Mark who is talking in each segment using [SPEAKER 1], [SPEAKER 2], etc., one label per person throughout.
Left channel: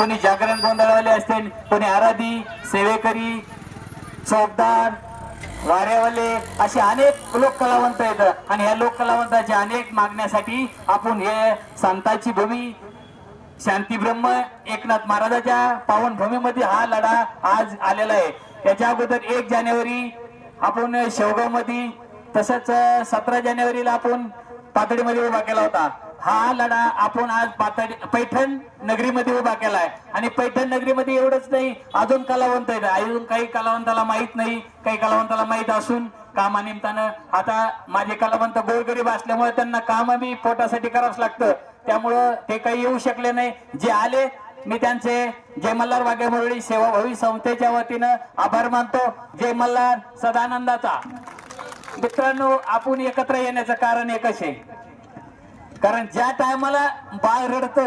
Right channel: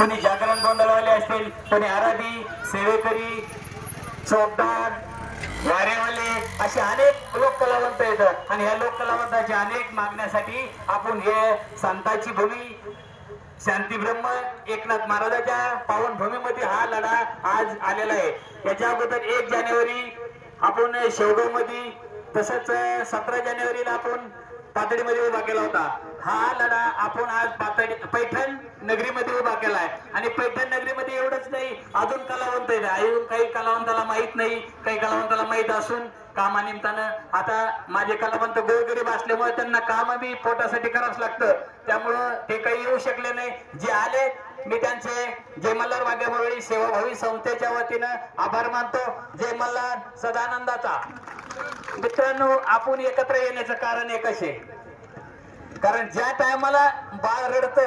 [SPEAKER 1] कोणी जागरण गोंधळवाले असतील. कोणी आराधी सेवेकरी चौकदार वाऱ्यावाले असे अनेक लोक कलावंत येतात. आणि ह्या लोक कलावंताच्या अनेक मागण्यासाठी आपण हे संतांची भूमी शांती ब्रह्म एकनाथ महाराजाच्या पावन भूमीमध्ये हा लढा आज आलेला आहे. त्याच्या अगोदर एक जानेवारी आपण शेवगावमध्ये तसंच सतरा जानेवारीला आपण पातळीमध्ये उभा केला होता. हा लढा आपण आज पातळी पैठण नगरीमध्ये उभा केलाय. आणि पैठण नगरीमध्ये एवढंच नाही अजून कलावंत आहेत. अजून काही कलावंताला माहीत नाही काही कलावंताला माहीत असून कामानिमित्तानं आता माझे कलावंत गोरगरीब असल्यामुळे त्यांना काम बी पोटासाठी करावंच लागतं. त्यामुळं ते काही येऊ शकले नाही. जे आले मी त्यांचे जय मल्हार वाघ्यामुरळी सेवाभावी संस्थेच्या वतीनं आभार मानतो. जय मल्हार सदानंदाचा. मित्रांनो आपण एकत्र येण्याचं कारण एकच आहे. कारण ज्या टायमाला बाळ रडत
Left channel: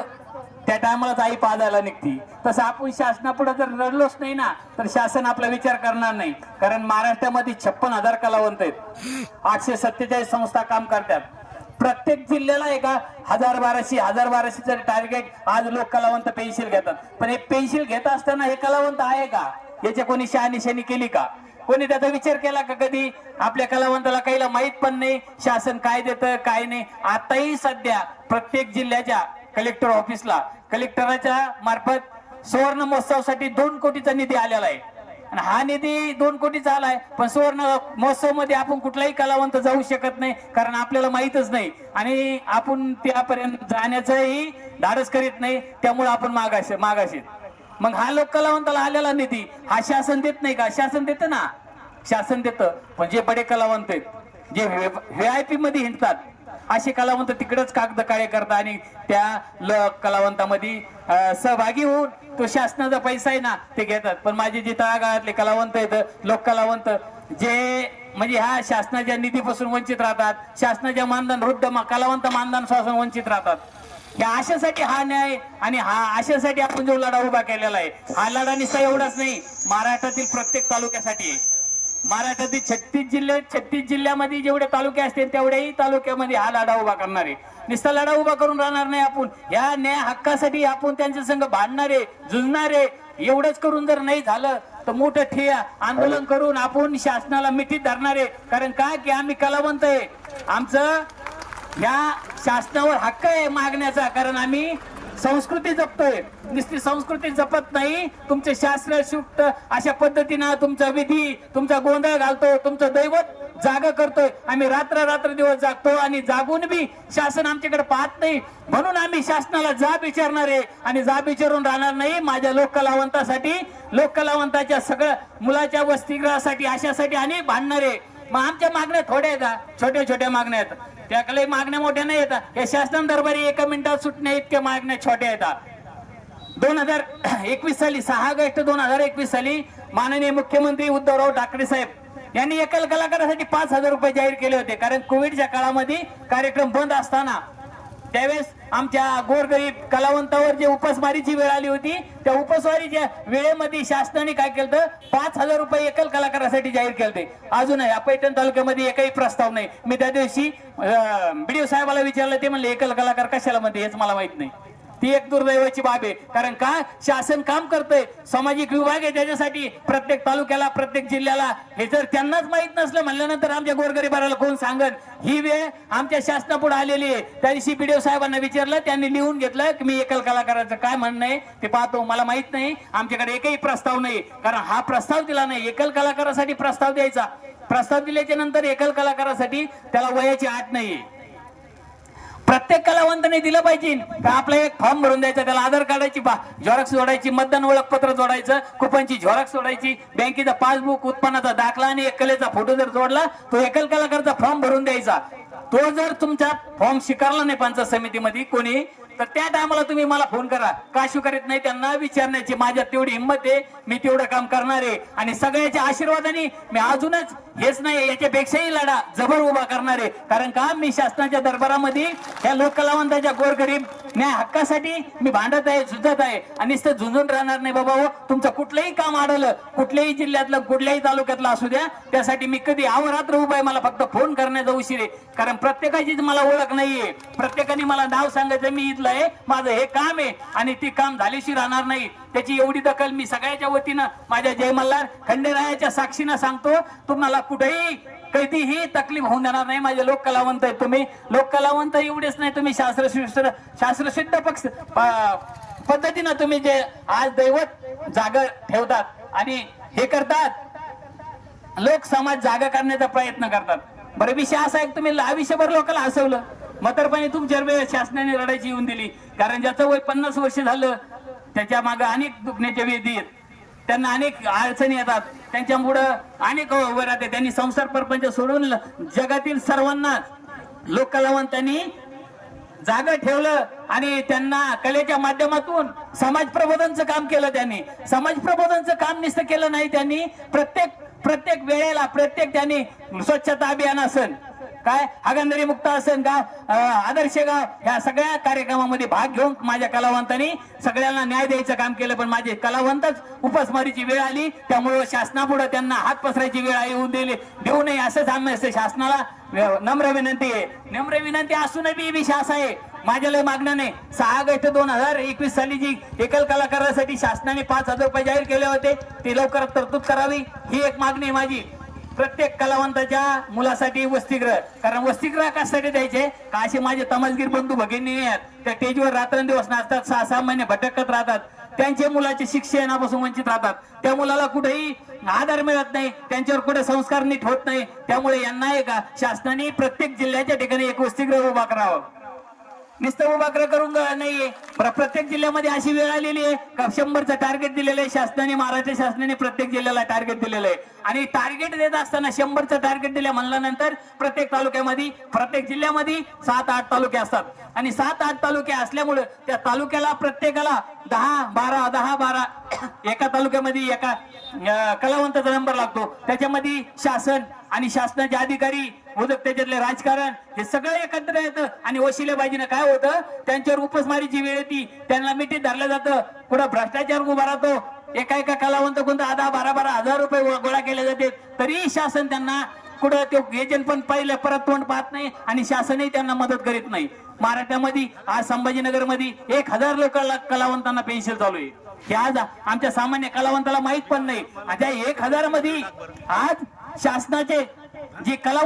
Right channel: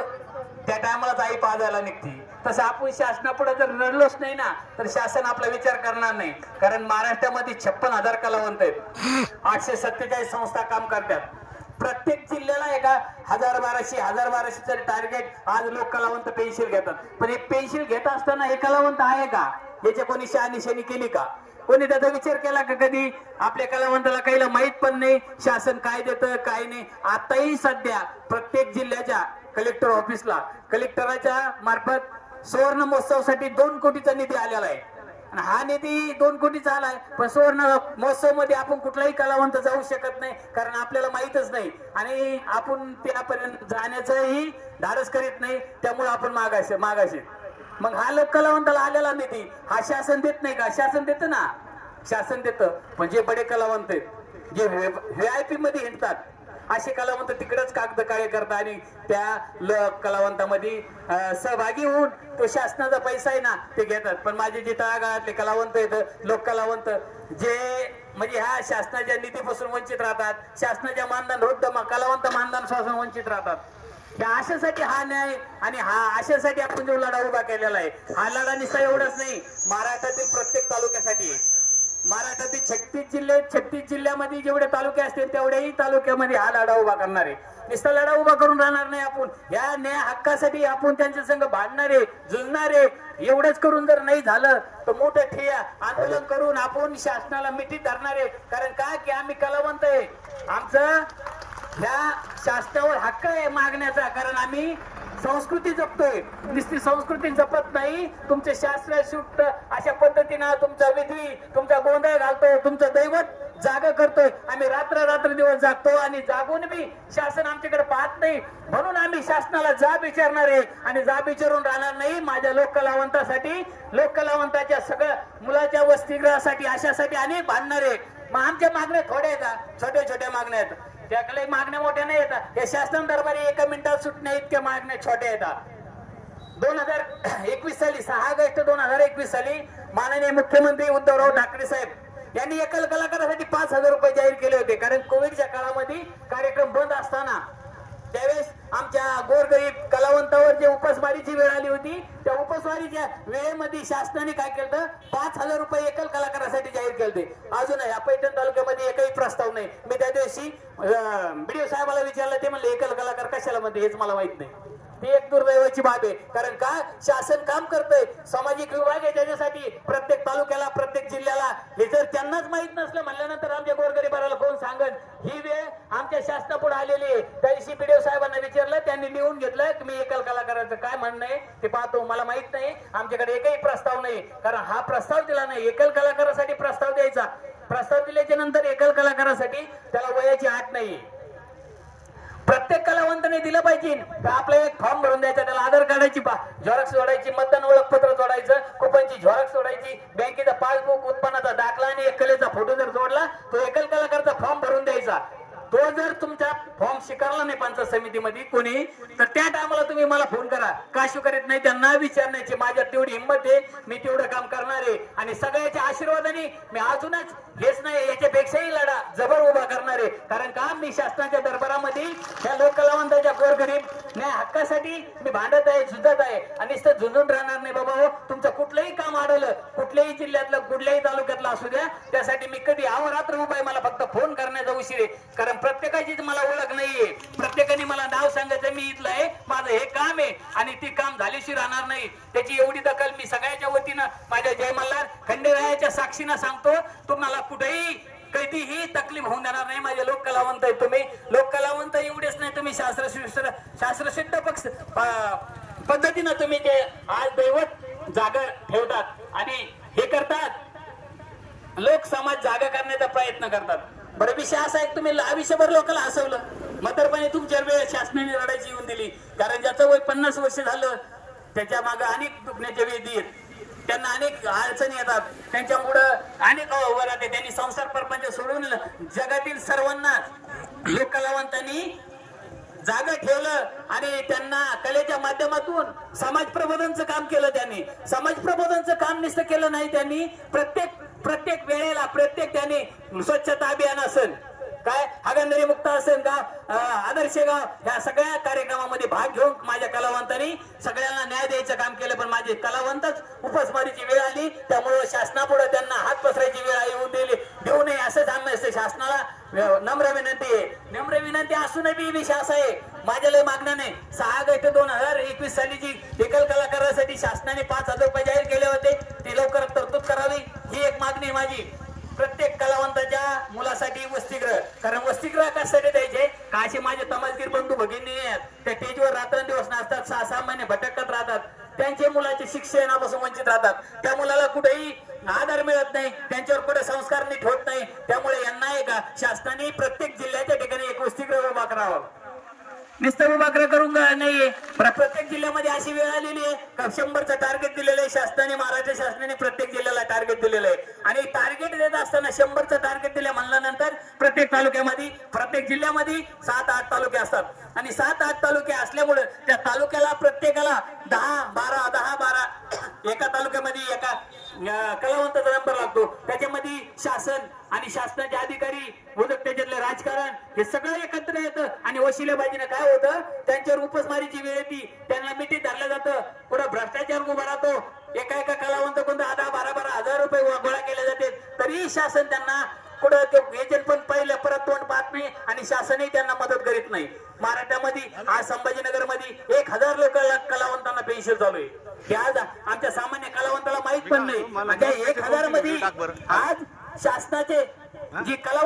[SPEAKER 1] त्या टायमालाच आई पाजायला निघती. तसं आपण शासनापुढे जर रडलोच नाही ना तर शासन आपला विचार करणार नाही. कारण महाराष्ट्रामध्ये छप्पन हजार कलावंत आहेत. आठशे सत्तेचाळीस संस्था काम करतात. प्रत्येक जिल्ह्याला एका हजार बाराशे हजार बाराशेचं टार्गेट आज लोक कलावंत पेन्सिल घेतात. पण हे पेन्सिल घेत असताना हे कलावंत आहे का? याची कोणी शहानिशानी केली का? कोणी त्याचा विचार केला का कधी? आपल्या कलावंताला काहीला माहीत पण नाही. शासन काय देतं काय नाही. आताही सध्या प्रत्येक जिल्ह्याच्या कलेक्टर ऑफिसला कलेक्टराच्या मार्फत सुवर्ण महोत्सवासाठी दोन कोटीचा निधी आलेला आहे. आणि हा निधी दोन कोटीचा आलाय पण सुवर्ण महोत्सवमध्ये आपण कुठलाही कलावंत जाऊ शकत नाही कारण आपल्याला माहितच नाही. आणि आपण त्यापर्यंत जाण्याचंही धाडस करीत नाही त्यामुळे आपण मागाशी मागाशी मग हा लोक कलावंताला आलेला निधी हा शासन देत नाही का शासन देतं ना शासन देतं पण जे बडे कलावंत आहेत जे व्ही आय पी मध्ये हिंडतात असे कलावंत तिकडेच कागद काळे करतात आणि त्या कलावंतामध्ये सहभागी होऊन तो शासनाचा पैसा आहे ना ते घेतात पण माझे जे तळागाळातले कलावंत आहेत लोक कलावंत जे म्हणजे ह्या शासनाच्या निधीपासून वंचित राहतात शासनाच्या मानधन वृद्ध कलावंत मानधनापासून वंचित राहतात या आशासाठी हा न्याय आणि हा आशासाठी आपण जो लढा उभा केलेला आहे हा लढा निस्ता एवढाच नाही महाराष्ट्रातील प्रत्येक तालुक्यासाठी. महाराष्ट्रातील छत्तीस जिल्हे छत्तीस जिल्ह्यामध्ये जेवढे तालुके असतील तेवढ्याही तालुक्यामध्ये हा लढा उभा करणार आहे. निस्ता लढा उभा करून राहणार नाही आपण. या न्याय हक्कासाठी आपण त्यांच्या संघ भांडणारे झुंजणारे एवढंच करून जर नाही झालं तर मोठं ठिया आंदोलन करून आपण शासनाला मिठीत धरणारे कारण का? की आम्ही कलावंत आहे. आमचा या शासनावर हक्क आहे मागण्याचा कारण आम्ही संस्कृती जपतोय. नुसती संस्कृती जपत नाही तुमचे शास्त्र शुक्त अशा पद्धतीनं तुमचा विधी तुमचा गोंधळ घालतो तुमचं दैवत जागा करतोय. आम्ही रात्र रात्र दिवस जागतो आणि जागून बी शासन आमच्याकडे पाहत नाही. म्हणून आम्ही शासनाला जाब विचारणार आहे आणि जाब विचारून राहणार नाही माझ्या लोककलावंतासाठी लोककलावंताच्या सगळ्या मुलाच्या वसतिगृहासाठी अशासाठी आणि भांडणार आहे. मग आमच्या मागण्या थोड्या येतात छोट्या छोट्या मागण्या येतात त्याकडे मागण्या मोठ्या नाही येतात या शासन दरबारी एका मिनिटात सुटण्या इतक्या मागण्या छोट्या येतात दोन हजार एकवीस साली सहा ऑगस्ट दोन हजार एकवीस साली माननीय मुख्यमंत्री उद्धवराव ठाकरे साहेब यांनी एकल कलाकारासाठी पाच हजार रुपये जाहीर केले होते. कारण कोविडच्या काळामध्ये कार्यक्रम बंद असताना त्यावेळेस आमच्या गोरगरीब कलावंतावर जे उपसमारीची वेळ आली होती त्या उपासमारीच्या वेळेमध्ये शासनाने काय केलं पाच हजार रुपये एकल कलाकारासाठी जाहीर केले अजूनही या पैठण तालुक्यामध्ये एकही प्रस्ताव नाही. मी त्या दिवशी बीडीओ साहेबाला विचारलं ते म्हणले एकल कलाकार कशाला मध्ये हेच मला माहीत नाही. ती एक दुर्दैवाची बाब आहे. कारण का? शासन काम करतंय. सामाजिक विभाग आहे त्याच्यासाठी प्रत्येक तालुक्याला प्रत्येक जिल्ह्याला हे जर त्यांनाच माहीत नसलं म्हणल्यानंतर आमच्या गोरगरीबाला कोण सांगन? ही वेळ आमच्या शासनापुढे आलेली आहे. त्या दिवशी बीडीओ साहेबांना विचारलं त्यांनी लिहून घेतलं की मी एकल कलाकाराचं काय म्हणणं आहे? ते पाहतो मला माहीत नाही. आमच्याकडे एकही प्रस्ताव नाही. कारण हा प्रस्ताव दिला नाही. एकल कलाकारासाठी प्रस्ताव द्यायचा. प्रस्ताव दिल्याच्या नंतर एकल कलाकारासाठी त्याला वयाची आठ नाहीये. प्रत्येक कलावंताने दिलं पाहिजे. का आपलं एक फॉर्म भरून द्यायचा त्याला आधार कार्डाची झेरॉक्स जोडायची मतदान ओळखपत्र जोडायचं कुपनची झेरॉक्स जोडायची बँकेचा पासबुक उत्पन्नाचा दाखला आणि एक कलेचा फोटो जर जोडला तो एकल कलाकारचा फॉर्म भरून द्यायचा. तो जर तुमचा फॉर्म स्वीकारला नाही पंचायत समितीमध्ये कोणी तर त्या टायमाला तुम्ही मला फोन करा. का करीत नाही? त्यांना विचारण्याची माझ्यात तेवढी हिंमत आहे. मी तेवढं काम करणार आहे. आणि सगळ्याच्या आशीर्वादाने मी अजूनच हेच नाही याच्यापेक्षाही लढा जबर उभा करणार आहे. कारण का? मी शासनाच्या दरबारामध्ये या लोककलावंताच्या गोरगरीब न्याय हक्कासाठी मी भांडत आहे झुंजत आहे. आणि नुसतं झुंजून राहणार नाही बाबा हो. तुमचं कुठलंही काम आढळलं कुठल्याही जिल्ह्यातलं कुठल्याही तालुक्यातलं असू द्या त्यासाठी मी कधी अवरात्र उभा आहे. मला फक्त फोन करण्याचा उशीर आहे. कारण प्रत्येकाचीच मला ओळख नाहीये. प्रत्येकाने मला नाव सांगायचं मी इथलं
[SPEAKER 2] बसलंय माझं हे काम आहे आणि ते काम झाल्याशी राहणार नाही. त्याची एवढी दखल मी सगळ्याच्या वतीनं माझ्या जय मल्हार खंडेरायाच्या साक्षीनं सांगतो. तुम्हाला कुठेही कधीही तकलीफ होऊन देणार नाही. माझे लोक कलावंत आहे तुम्ही. लोक कलावंत एवढेच नाही तुम्ही शास्त्रशिष्ट शास्त्रशुद्ध पक्ष पद्धतीनं तुम्ही जे आज दैवत जाग ठेवतात आणि हे करतात लोक समाज जागा करण्याचा प्रयत्न करतात. बरं विषय असा आहे तुम्ही आयुष्यभर लोकांना हसवलं. म्हातारपणी तुमच्या वेळ शासनाने लढायची येऊन दिली. कारण ज्याचं वय पन्नास वर्ष झालं त्याच्यामागे अनेक दुखण्याच्या वेदी आहेत. त्यांना अनेक अडचणी येतात. त्यांच्यामुळं अनेक उभं राहते. त्यांनी संसार परपंच सोडून जगातील सर्वांना लोककलावंतांनी जागा ठेवलं आणि त्यांना कलेच्या माध्यमातून समाज प्रबोधनचं काम केलं त्यांनी. समाज प्रबोधनचं काम नुसतं केलं नाही त्यांनी. प्रत्येक प्रत्येक वेळेला प्रत्येक त्यांनी स्वच्छता अभियान असेल. काय? हागंदरी मुक्त असेल का? आदर्श गाव ह्या सगळ्या कार्यक्रमामध्ये भाग घेऊन माझ्या कलावंतांनी सगळ्यांना न्याय द्यायचं काम केलं पण माझे कलावंतच उपासमारीची वेळ आली. त्यामुळे शासनापुढे त्यांना हात पसरायची वेळ येऊन दिली. देऊ नये असंच आम्ही असं शासनाला नम्र विनंती आहे. नम्र विनंती असूनही बी विषय आहे. माझ्या लय मागण्या नाही. सहा ऑगस्ट दोन हजार एकवीस साली जी एकल कलाकारासाठी शासनाने पाच हजार रुपये जाहीर केले होते ते लवकरात तरतूद करावी. ही एक मागणी आहे माझी. प्रत्येक कलावंताच्या मुलासाठी वसतिगृह. कारण वसतिगृह कशासाठी द्यायचे? का असे माझे तमासगीर बंधू भगिनी आहेत. त्या स्टेजवर रात्रंदिवस नाचतात सहा सहा महिने भटकत राहतात. त्यांचे मुलाचे शिक्षणापासून वंचित राहतात. त्या मुलाला कुठेही आधार मिळत नाही त्यांच्यावर कुठे संस्कार नीट होत नाही. त्यामुळे यांना आहे का शासनाने प्रत्येक जिल्ह्याच्या ठिकाणी एक वसतिगृह उभा करावं. निस्तर उभा करून नाहीये. प्रत्येक जिल्ह्यामध्ये अशी वेळ आलेली आहे. का शंभरचं टार्गेट दिलेलं आहे. शासनाने महाराष्ट्र शासनाने प्रत्येक जिल्ह्याला टार्गेट दिलेलं आहे. आणि टार्गेट देत असताना शंभरचं टार्गेट दिलं म्हणल्यानंतर प्रत्येक तालुक्यामध्ये प्रत्येक जिल्ह्यामध्ये सात आठ तालुके असतात. आणि सात आठ तालुके असल्यामुळे त्या तालुक्याला प्रत्येकाला दहा बारा दहा बारा एका तालुक्यामध्ये एका कलावंताचा नंबर लागतो. त्याच्यामध्ये शासन आणि शासनाचे अधिकारी उदक त्याच्यातले राजकारण हे सगळं एकत्र येतं. आणि वशिलेबाजीनं काय होतं? त्यांच्यावर उपसमारीची वेळ येते. त्यांना मिठी धरलं जातं. कुठं भ्रष्टाचार उभा राहतो. एका एका कलावंत कोणता आधा बारा बारा हजार रुपये गोळा केले जाते. तरीही शासन त्यांना कुठं ते एजंट पण पहिले परत तोंड पाहत नाही आणि शासनही त्यांना मदत करीत नाही. महाराष्ट्रामध्ये आज संभाजीनगरमध्ये एक हजार लोकांना कलावंतांना पेन्शन चालू आहे. हे आज आमच्या सामान्य कलावंताला माहीत पण नाही. आणि त्या एक हजारमध्ये आज शासनाचे जे कला